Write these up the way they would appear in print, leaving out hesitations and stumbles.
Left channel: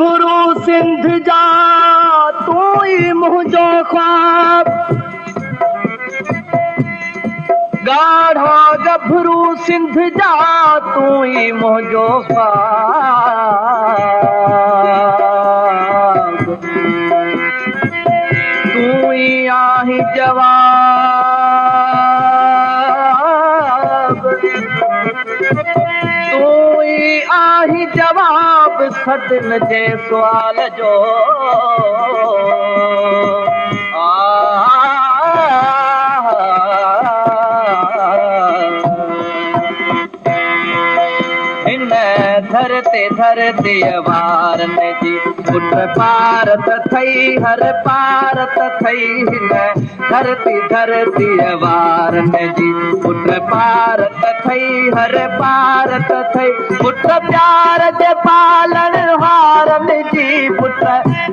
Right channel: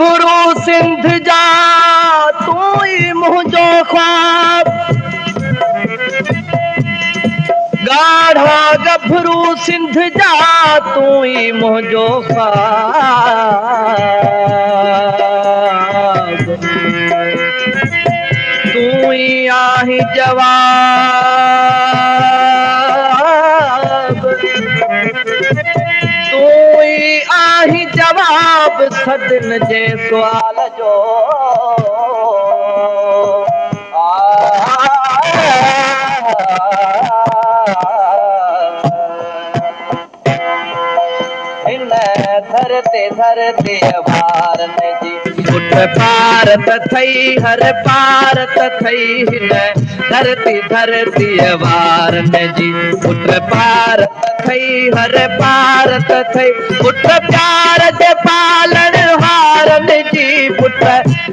गभरू सिंध जा तू ही मुझो ख्वाब, गाढ़ा गभरू सिंध जा तू ही मुझो ख्वाब, तू ही आही जवाब, तू ही आही जवाब सदन जे सुवाल जो। धरते धरते वारन जी उठ भारत थई हर भारत थई हिन धरती धरती वारन जी उठ भारत थई हर भारत थई उठ प्यार जे पालन हारन जी पुट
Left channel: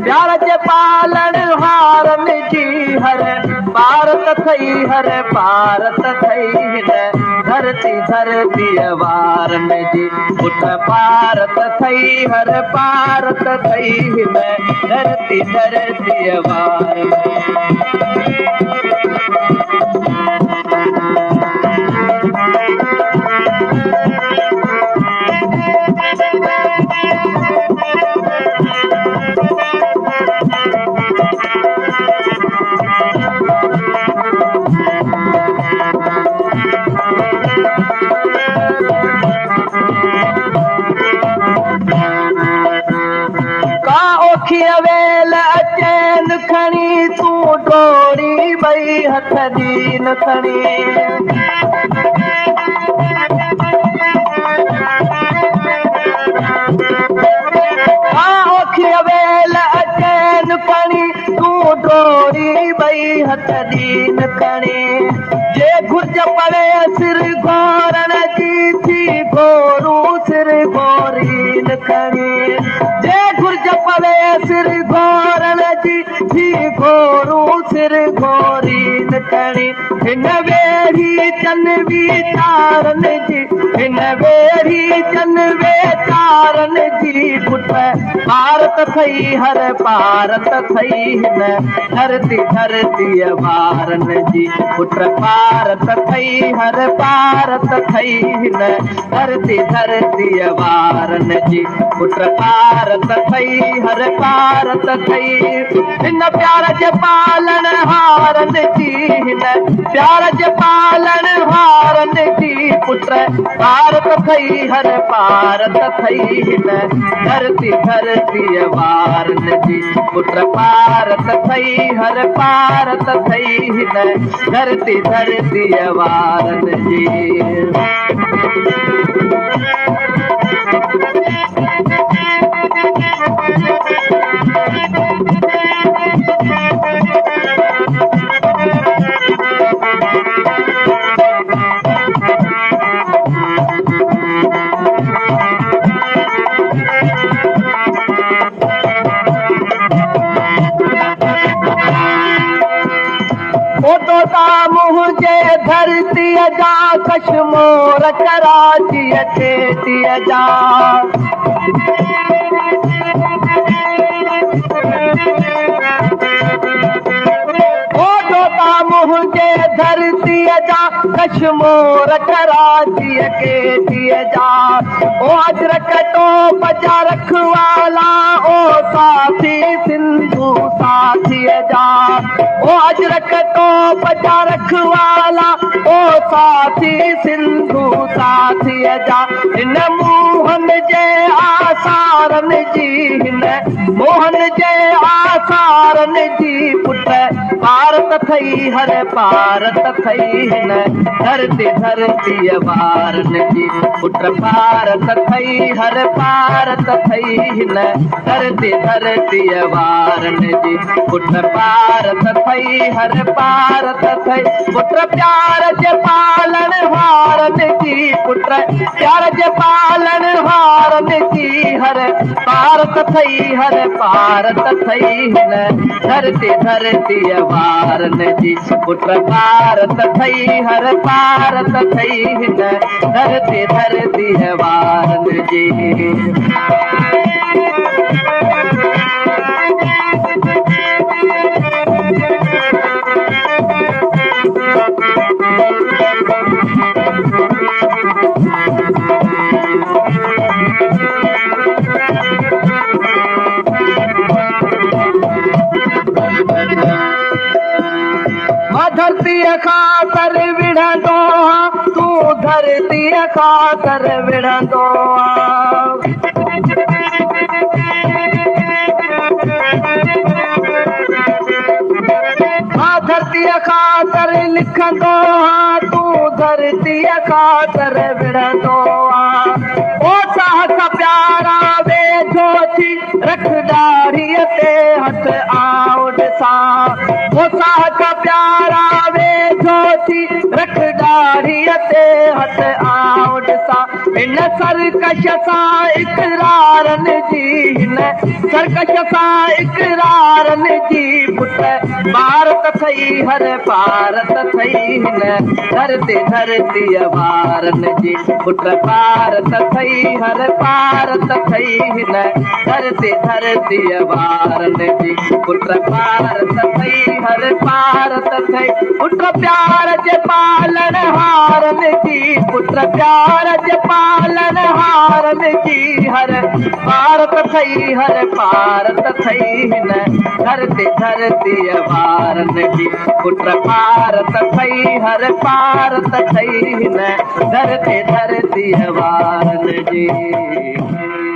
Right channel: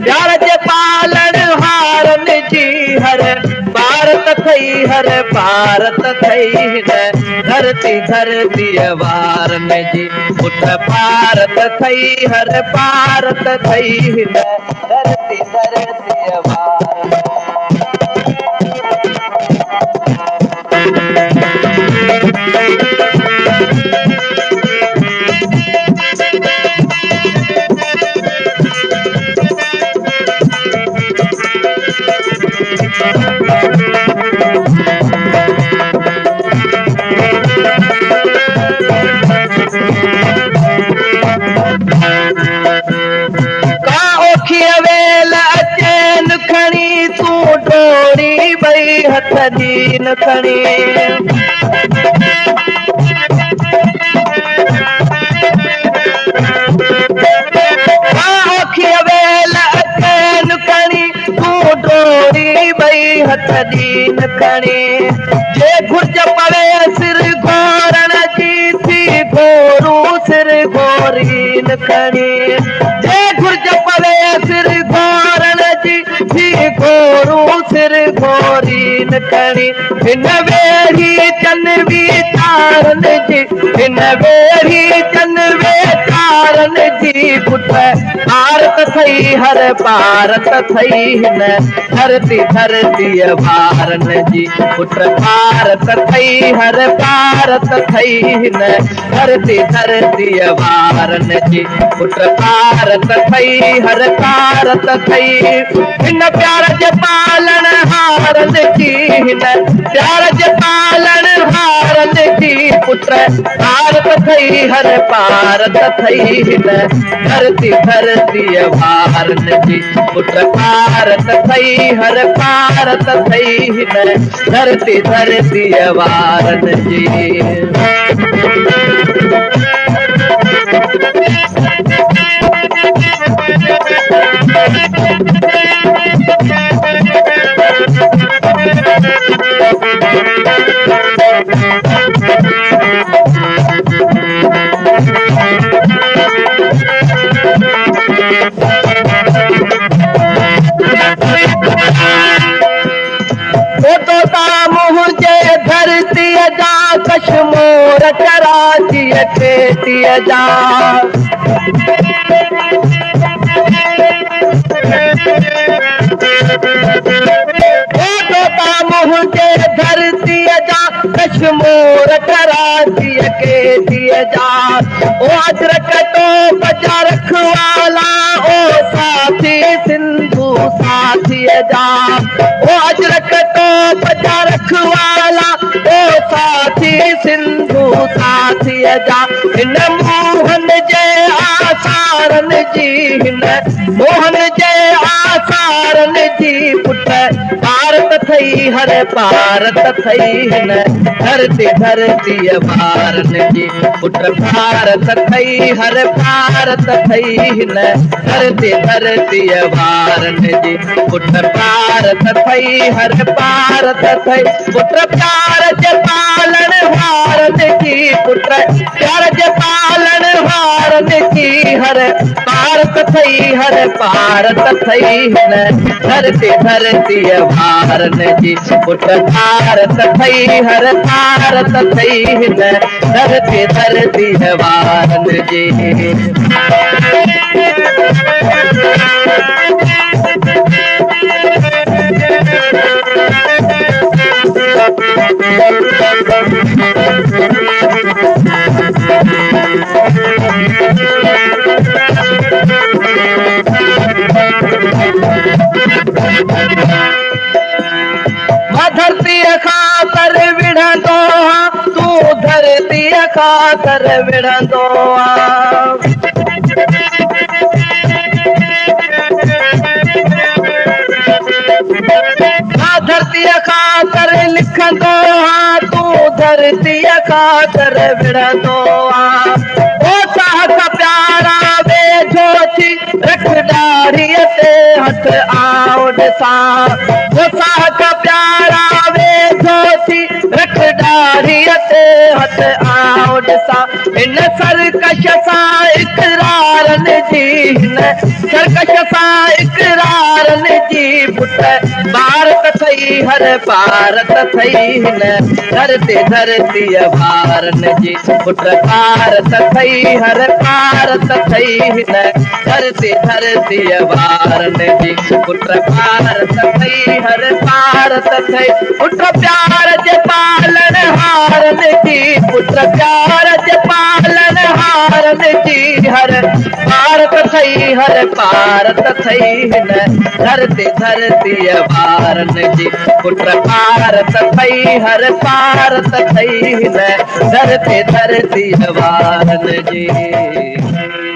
प्यार जे पालन हारन जी हर भारत थई हर भारत थई हिन धरती धरती वारन जी उठ भारत थई हर भारत थई हिन धरती धरती वारन। हथ दीन खणी आखिय वेल अचैन खणी तू डोरी बई हथ दीन खणी जे घुर्ज पवे सिर घोरण जी थी घोरू सिर घोरीन खणी जे घुर्ज पवे सिर घोरण जी थी घोरू सिर घोरीन खणी हिन वेरी चनवी तारन जी हिन वेरी चनवे तारन जी पुट भारत थई हर भारत थई हिन धरती धरती वारन जी पुट भारत थई हर भारत थई हिन धरती धरती वारन जी पुट भारत थई हर भारत थई हिन प्यार जे पालन हारन जी हिन प्यार जे पालन हारन जी पुट भारत थई हर भारत थई हिन धरती धरती वारन जी पुट भारत थई हर भारत थई हिन धरती धरती वारन जी। कश्मीर कराची खेती जा मुझे धरती जा कश्मीर कराची खेती जा ओ अजरक तो बजा रखवाला ओ साथी सिंधु साथी जा ओ अजरक तो बजा रखवाला ओ साथी सिंधु साथी जा हिन मोहन जे आसारन जी हिन मोहन जे आसारन जी पुट भारत थई हर भारत थई हिन धरती धरती वारन जी पुट भारत थई हर भारत थई हिन धरती धरती वारन जी पुट भारत थई हर भारत थई पुट प्यार जे पालन हारन जी पुट प्यार जे पालन हारन जी हर भारत थई हर भारत थई हिन धरती धरती वारन जी पुट भारत थई हर भारत थई हिन धरती धरती वारन जी। सरकश सां इकरारन जी हिन सरकश सां इकरारन जी पुट भारत थई हर भारत थई हिन धरती वारन जी पुट भारत थई हर भारत थई हिन धरती वारन जी पुट भारत थई हर भारत थई पुट प्यार जे पालन हारन जी पुट प्यार जे पालन हारन जी हर भारत थई हर भारत थई हिन धरती वारन जी पुट भारत थई हर भारत थई हिन धरती वारन जी।